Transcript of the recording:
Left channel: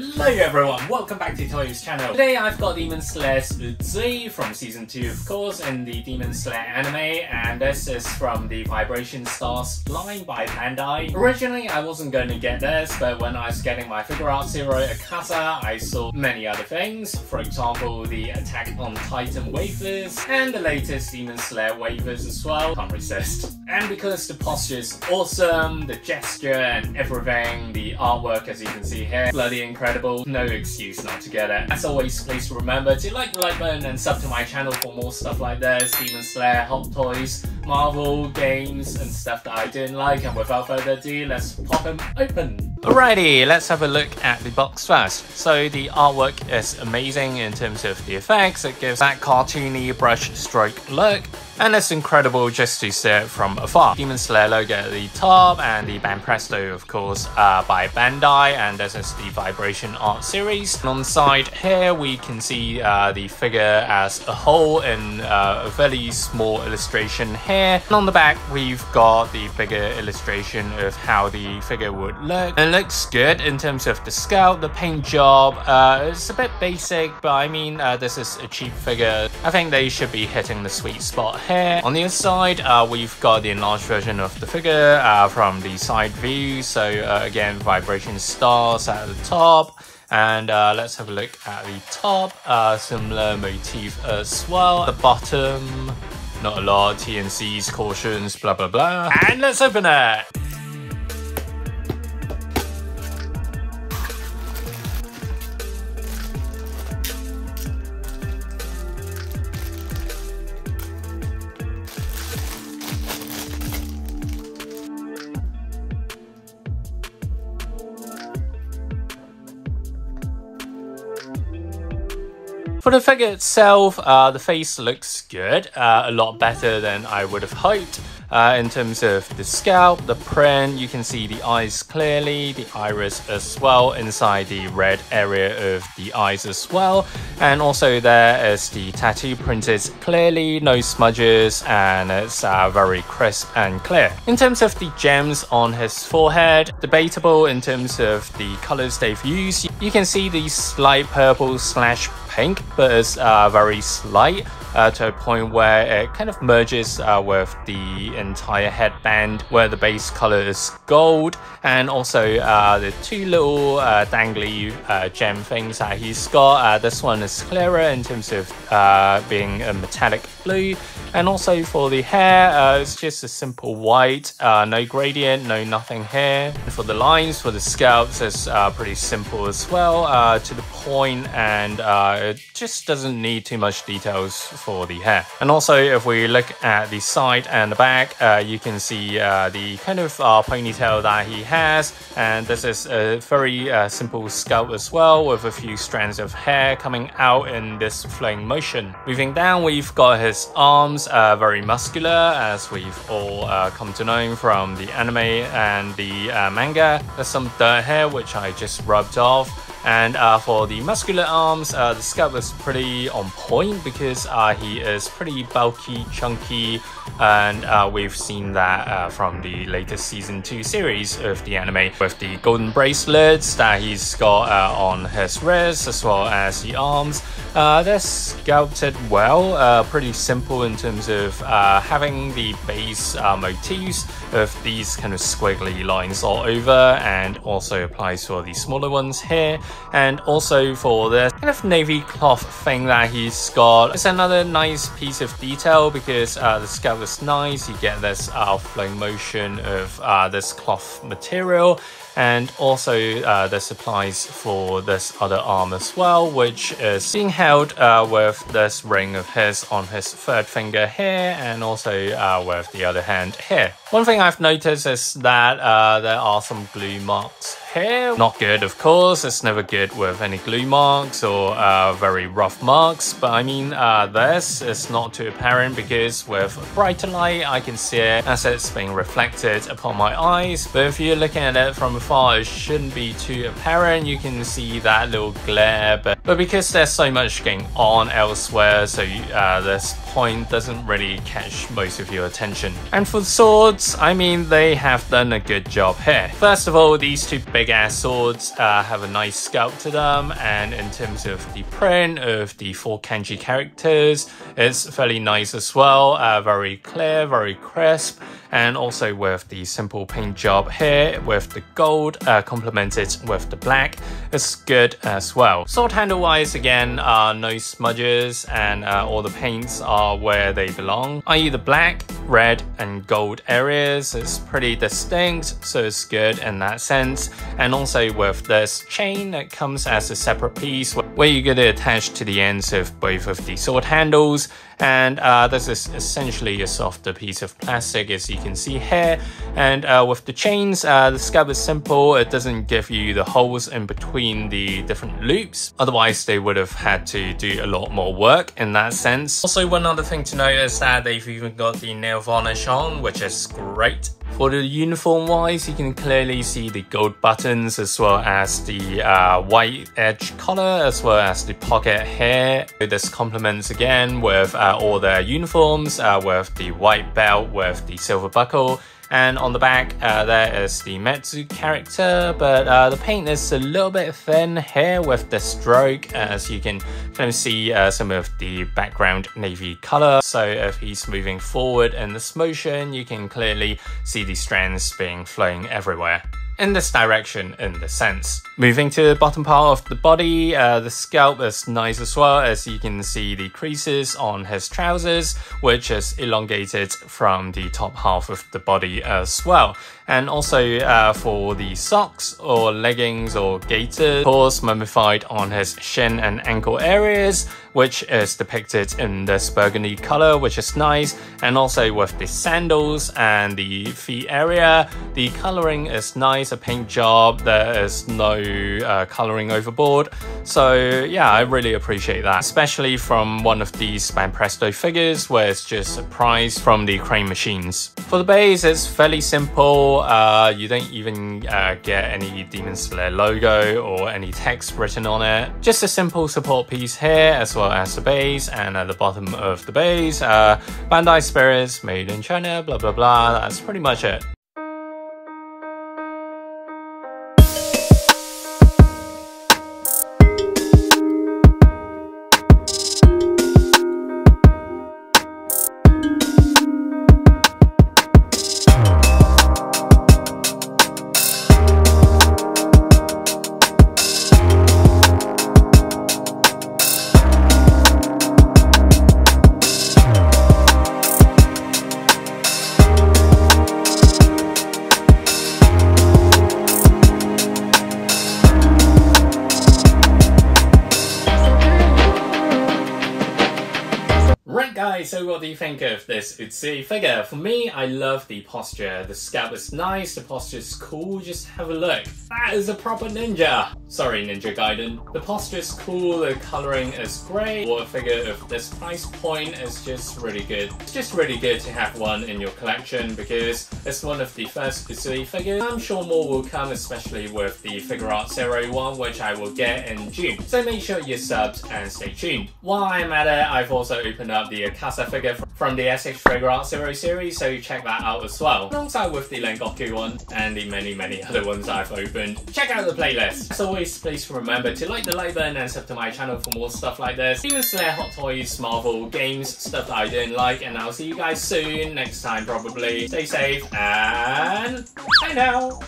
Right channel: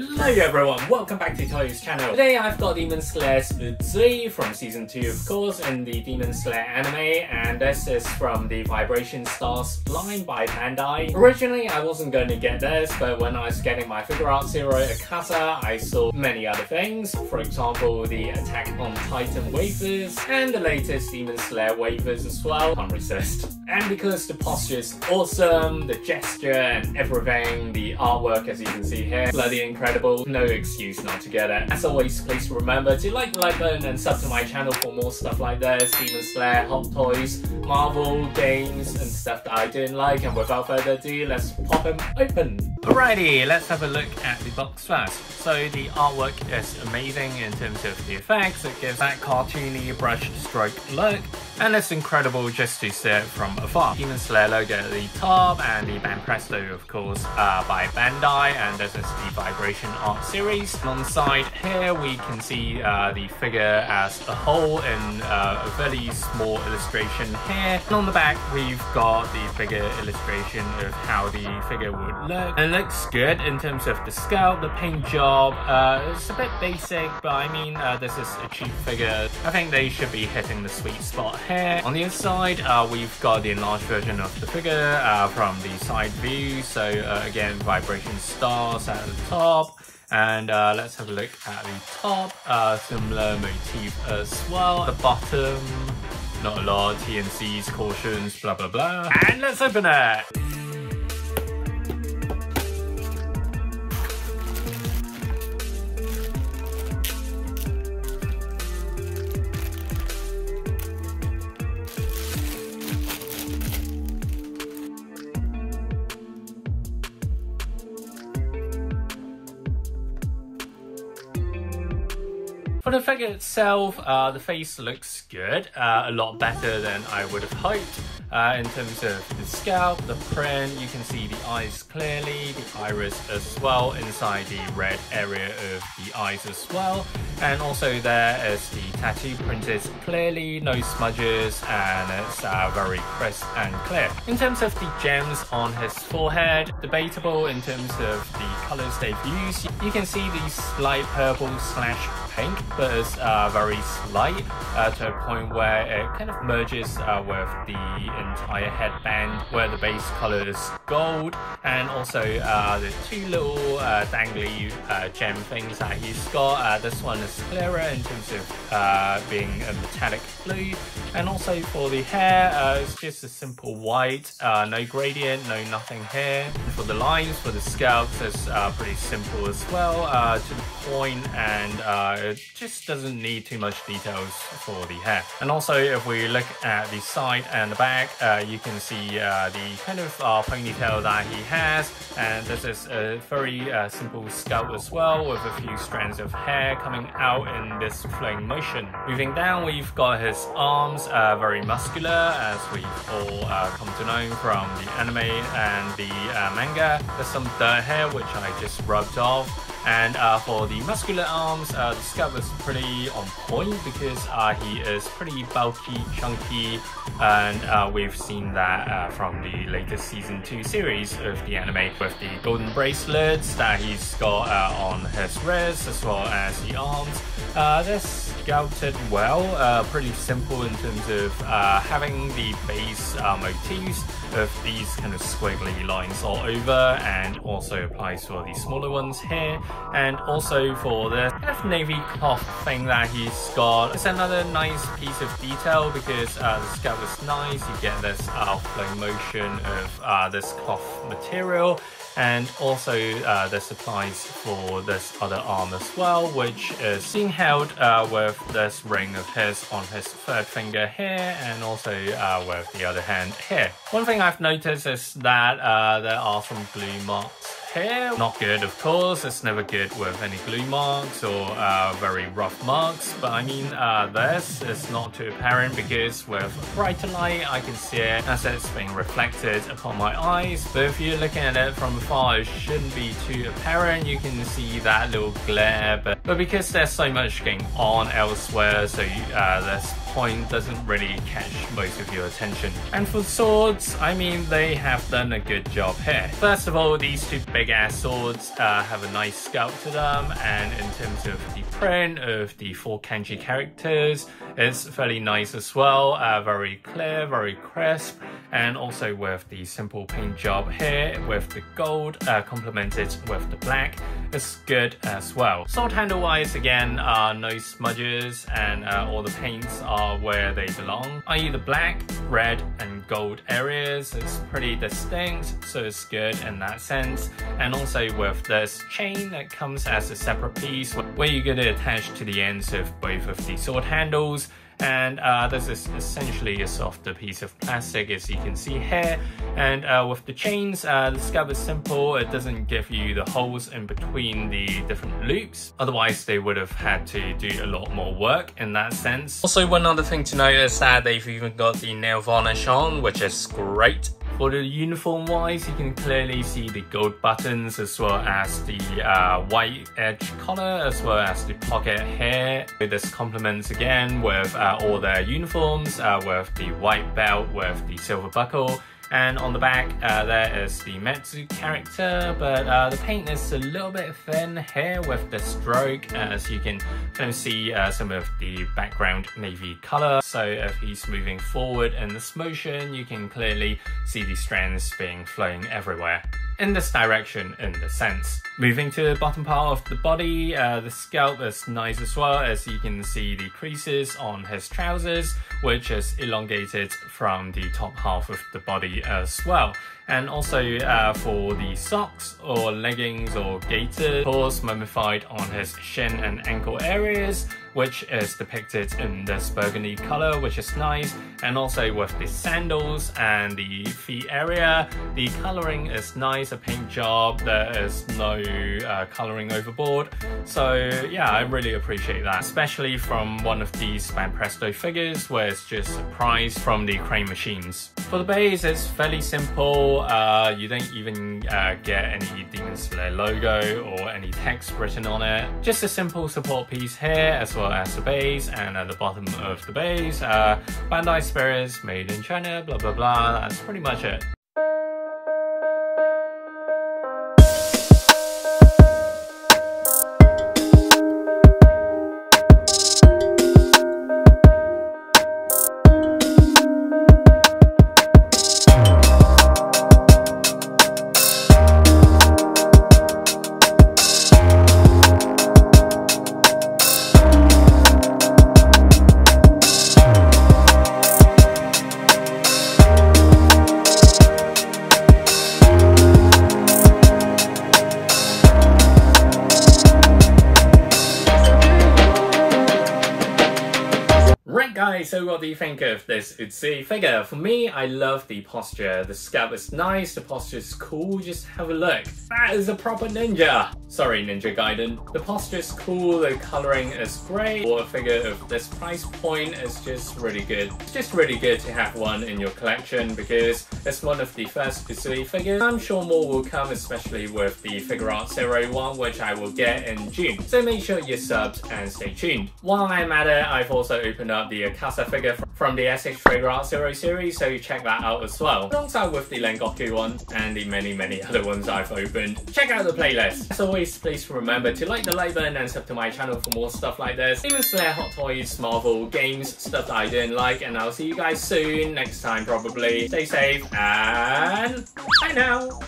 Hello everyone, welcome back to Toyo's channel. Today I've got Demon Slayer's Uzui from season 2 of course in the Demon Slayer anime, and this is from the Vibration Stars line by Bandai. Originally I wasn't going to get this, but when I was getting my figure art Zero Akata, I saw many other things. For example, the Attack on Titan wafers and the latest Demon Slayer wafers as well. Can't resist. And because the posture is awesome, the gesture and everything, the artwork as you can see here, bloody incredible, no excuse not to get it. As always, please remember to like the like button and sub to my channel for more stuff like this, Demon Slayer, Hot Toys, Marvel, games and stuff that I didn't like. And without further ado, let's pop them open. Alrighty, let's have a look at the box first. So the artwork is amazing in terms of the effects. It gives that cartoony brush stroke look, and it's incredible just to see it from afar. Demon Slayer logo at the top, and the Band Presto of course by Bandai, and this is the Vibration art series. And on the side here we can see the figure as a whole in a very small illustration here. And on the back we've got the figure illustration of how the figure would look. And it looks good in terms of the sculpt, the paint job. It's a bit basic, but I mean this is a cheap figure. I think they should be hitting the sweet spot here. On the other side we've got the enlarged version of the figure from the side view. So again, Vibration Stars at the top. And let's have a look at the top, similar motif as well. The bottom, not a lot, TNCs, cautions, blah blah blah. And let's open it! For the figure itself, the face looks good, a lot better than I would have hoped. In terms of the scalp, the print, you can see the eyes clearly, the iris as well, inside the red area of the eyes as well. And also there is the tattoo printed clearly, no smudges, and it's very crisp and clear. In terms of the gems on his forehead, debatable in terms of the colors they've used. You can see the slight purple / pink, but it's very slight to a point where it kind of merges with the entire headband, where the base color is gold, and also the two little dangly gem things that he's got. This one is clearer in terms of being a metallic blue, and also for the hair, it's just a simple white, no gradient, no nothing here. For the lines, for the scalps, it's pretty simple as well, to the point, and it just doesn't need too much details for the hair. And also if we look at the side and the back, you can see the kind of ponytail that he has, and this is a very simple scalp as well, with a few strands of hair coming out in this flowing motion. Moving down, we've got his arms, very muscular, as we've all come to know from the anime and the manga. There's some dirt here which I just rubbed off. And for the muscular arms, the scalp is pretty on point because he is pretty bulky, chunky, and we've seen that from the latest season 2 series of the anime, with the golden bracelets that he's got on his wrists as well as the arms. They're sculpted well, pretty simple in terms of having the base motifs of these kind of squiggly lines all over, and also applies for the smaller ones here. And also for the kind of navy cloth thing that he's got, it's another nice piece of detail because the scalp is nice. You get this flowing motion of this cloth material. And also this applies for this other arm as well, which is being held with this ring of his on his third finger here, and also with the other hand here. One thing I've noticed is that there are some glue marks here. Not good, of course. It's never good with any glue marks or very rough marks, but I mean this is not too apparent because with brighter light I can see it as it's being reflected upon my eyes. But if you're looking at it from afar, it shouldn't be too apparent. You can see that little glare, but because there's so much going on elsewhere, so this point doesn't really catch most of your attention. And for the swords, I mean, they have done a good job here. First of all, these two big ass swords have a nice sculpt to them, and in terms of the print of the 4 kanji characters, it's fairly nice as well, very clear, very crisp. And also with the simple paint job here with the gold complemented with the black, it's good as well. Sword handle wise, again, no smudges, and all the paints are where they belong, i.e. the black, red and gold areas. It's pretty distinct, so it's good in that sense. And also with this chain that comes as a separate piece where you're going to attach to the ends of both of the sword handles. And this is essentially a softer piece of plastic, as you can see here. And with the chains, the scope is simple. It doesn't give you the holes in between the different loops. Otherwise, they would have had to do a lot more work in that sense. Also, one other thing to note is that they've even got the nail varnish on, which is great. For the uniform wise, you can clearly see the gold buttons as well as the white edge collar, as well as the pocket here. This complements again with all their uniforms, with the white belt with the silver buckle. And on the back, there is the Metsu character, but the paint is a little bit thin here with the stroke, as you can kind of see some of the background navy color. So if he's moving forward in this motion, you can clearly see the strands being flowing everywhere in this direction in the sense. Moving to the bottom part of the body, the scalp is nice as well, as you can see the creases on his trousers, which is elongated from the top half of the body as well. And also for the socks or leggings or gaiters, of course, mummified on his shin and ankle areas, which is depicted in this burgundy color, which is nice. And also with the sandals and the feet area, the coloring is nice, a paint job. There is no coloring overboard. So yeah, I really appreciate that, especially from one of these Banpresto figures where it's just a prize from the crane machines. For the base, it's fairly simple. You don't even get any Demon Slayer logo or any text written on it. Just a simple support piece here, as well as the base, and at the bottom of the base, Bandai Spirits, made in China, blah blah blah. That's pretty much it. Guys, so what do you think of this Uzui figure? For me, I love the posture. The scalp is nice, the posture is cool, just have a look. That is a proper ninja! Sorry, Ninja Gaiden. The posture is cool, the coloring is great. For a figure of this price point, it's just really good. It's just really good to have one in your collection because it's one of the first Uzui figures. I'm sure more will come, especially with the Figure Art 01, which I will get in June. So make sure you're subbed and stay tuned. While I'm at it, I've also opened up the Akasa figure from the SH Figure Art 0 series, so check that out as well. Alongside with the Rengoku one and the many other ones I've opened. Check out the playlist. As always, please remember to like the like button and sub to my channel for more stuff like this. Demon Slayer, Hot Toys, Marvel, games, stuff that I didn't like, and I'll see you guys soon, next time probably. Stay safe, and bye now!